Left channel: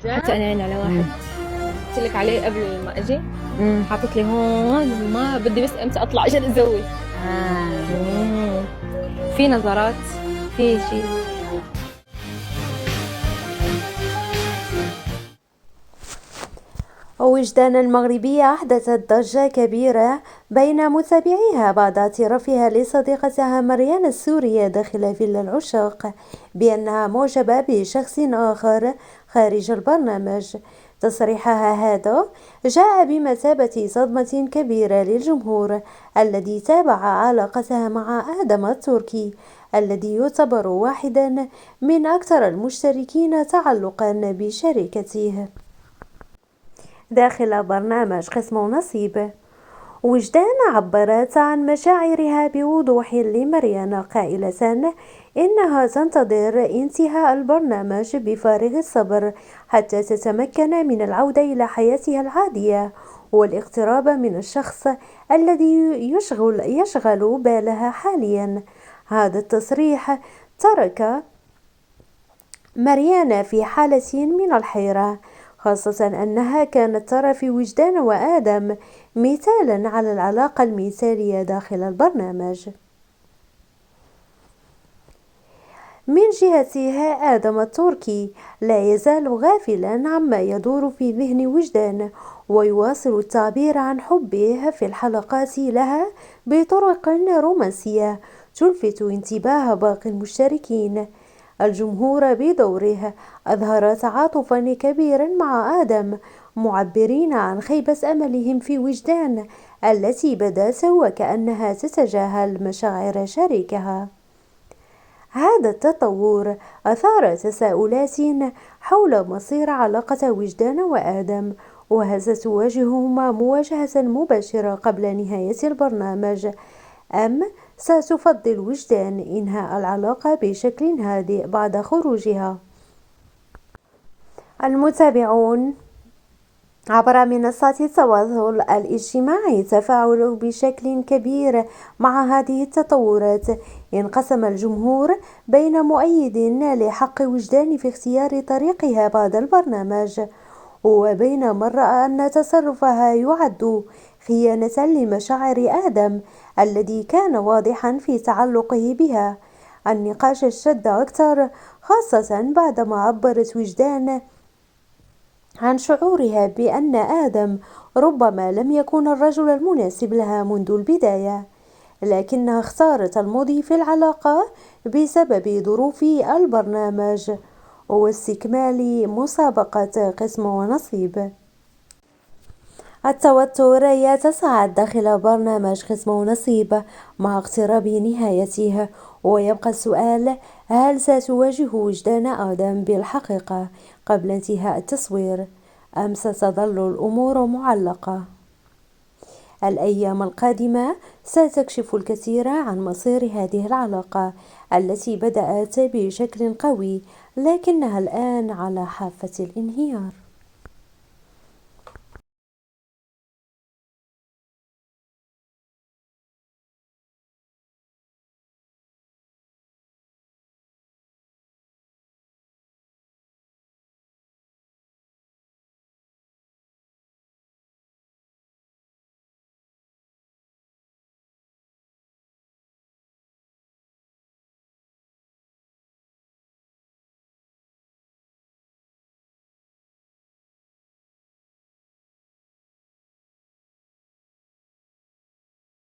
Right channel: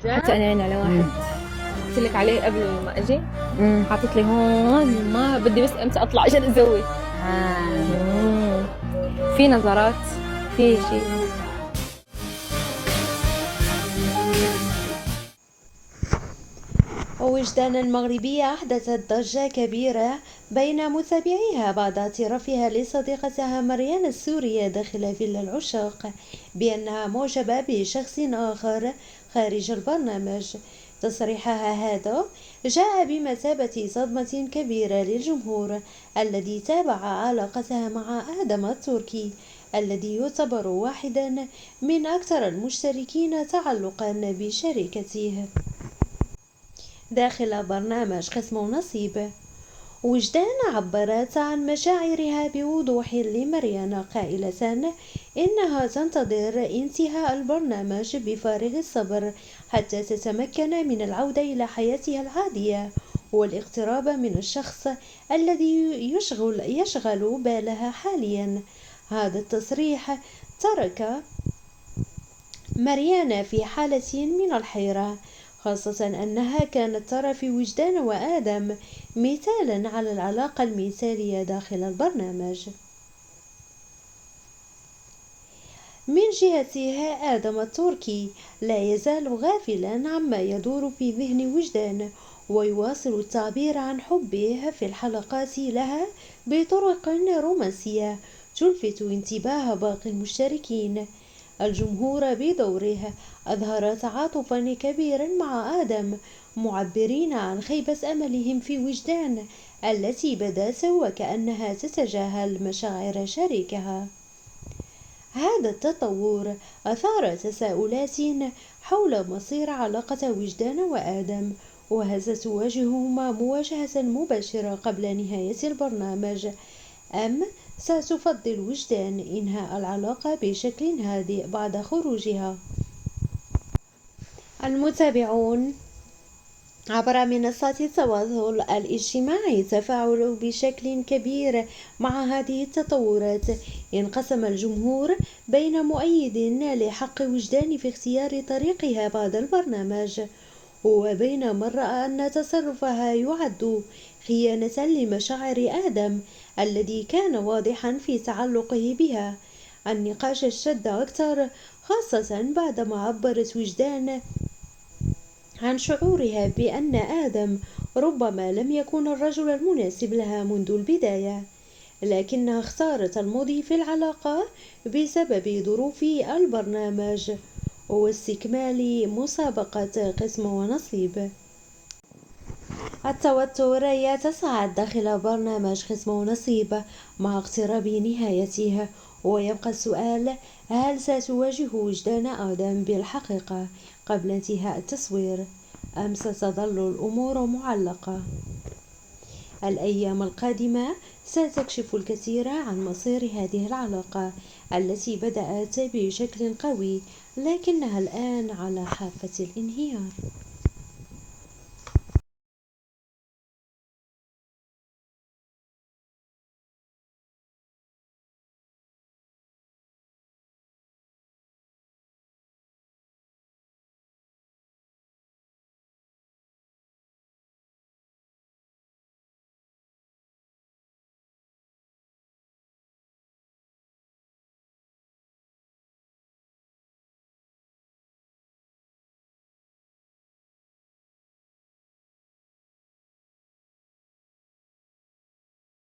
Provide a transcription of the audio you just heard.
حتى انا هنا على واحد قلت لك عليه قبل ما اجي، حاطط لي هون ما بدي بس امتى اطلع عشان ازوي. في نظارات، في شيء. وجدان المغربية أحدثت ضجة كبيرة بين متابعيها بعد اعترافها لصديقتها مريان السورية داخل فيلا العشاق بأنها معجبة بشخص آخر خارج البرنامج. تصريحها هذا جاء بمثابة صدمة كبيرة للجمهور الذي تابع علاقتها مع آدم التركي، الذي يعتبر واحدا من أكثر المشتركين تعلقا بشركته داخل برنامج قسم ونصيب. وجدان عبرت عن مشاعرها بوضوح لمريان قائلة إنها تنتظر انتهاء البرنامج بفارغ الصبر حتى تتمكن من العودة إلى حياتها العادية والاقتراب من الشخص الذي يشغل بالها حاليا. هذا التصريح ترك مريان في حالة من الحيرة، خاصة أنها كانت ترى في وجدان وآدم مثالا على العلاقة المثالية داخل البرنامج. من جهته آدم التركي لا يزال غافلا عما يدور في ذهن وجدان، ويواصل التعبير عن حبه في الحلقات لها بطرق رومانسية تلفت انتباه باقي المشتركين. الجمهور بدوره أظهر تعاطفا كبيرا مع آدم، معبرين عن خيبة أملهم في وجدان التي بدت وكأنها تتجاهل مشاعر شريكها. هذا التطور أثار تساؤلات حول مصير علاقة وجدان وآدم، وهل ستواجههما مواجهة مباشرة قبل نهاية البرنامج، أم ستفضل وجدان إنهاء العلاقة بشكل هادئ بعد خروجها؟ المتابعون عبر منصات التواصل الاجتماعي تفاعلوا بشكل كبير مع هذه التطورات. انقسم الجمهور بين مؤيد لحق وجدان في اختيار طريقها بعد البرنامج، وبين من رأى أن تصرفها يعد خيانة لمشاعر آدم الذي كان واضحا في تعلقه بها. النقاش اشتد أكثر، خاصة بعدما عبرت وجدان عن شعورها بأن آدم ربما لم يكن الرجل المناسب لها منذ البداية، لكنها اختارت المضي في العلاقة بسبب ظروف البرنامج واستكمال مسابقة قسم ونصيب. التوتر يتصاعد داخل برنامج قسم ونصيب مع اقتراب نهايته، ويبقى السؤال: هل ستواجه وجدان آدم بالحقيقة قبل انتهاء التصوير، أم ستظل الأمور معلقة؟ الأيام القادمة ستكشف الكثير عن مصير هذه العلاقة التي بدأت بشكل قوي لكنها الآن على حافة الانهيار.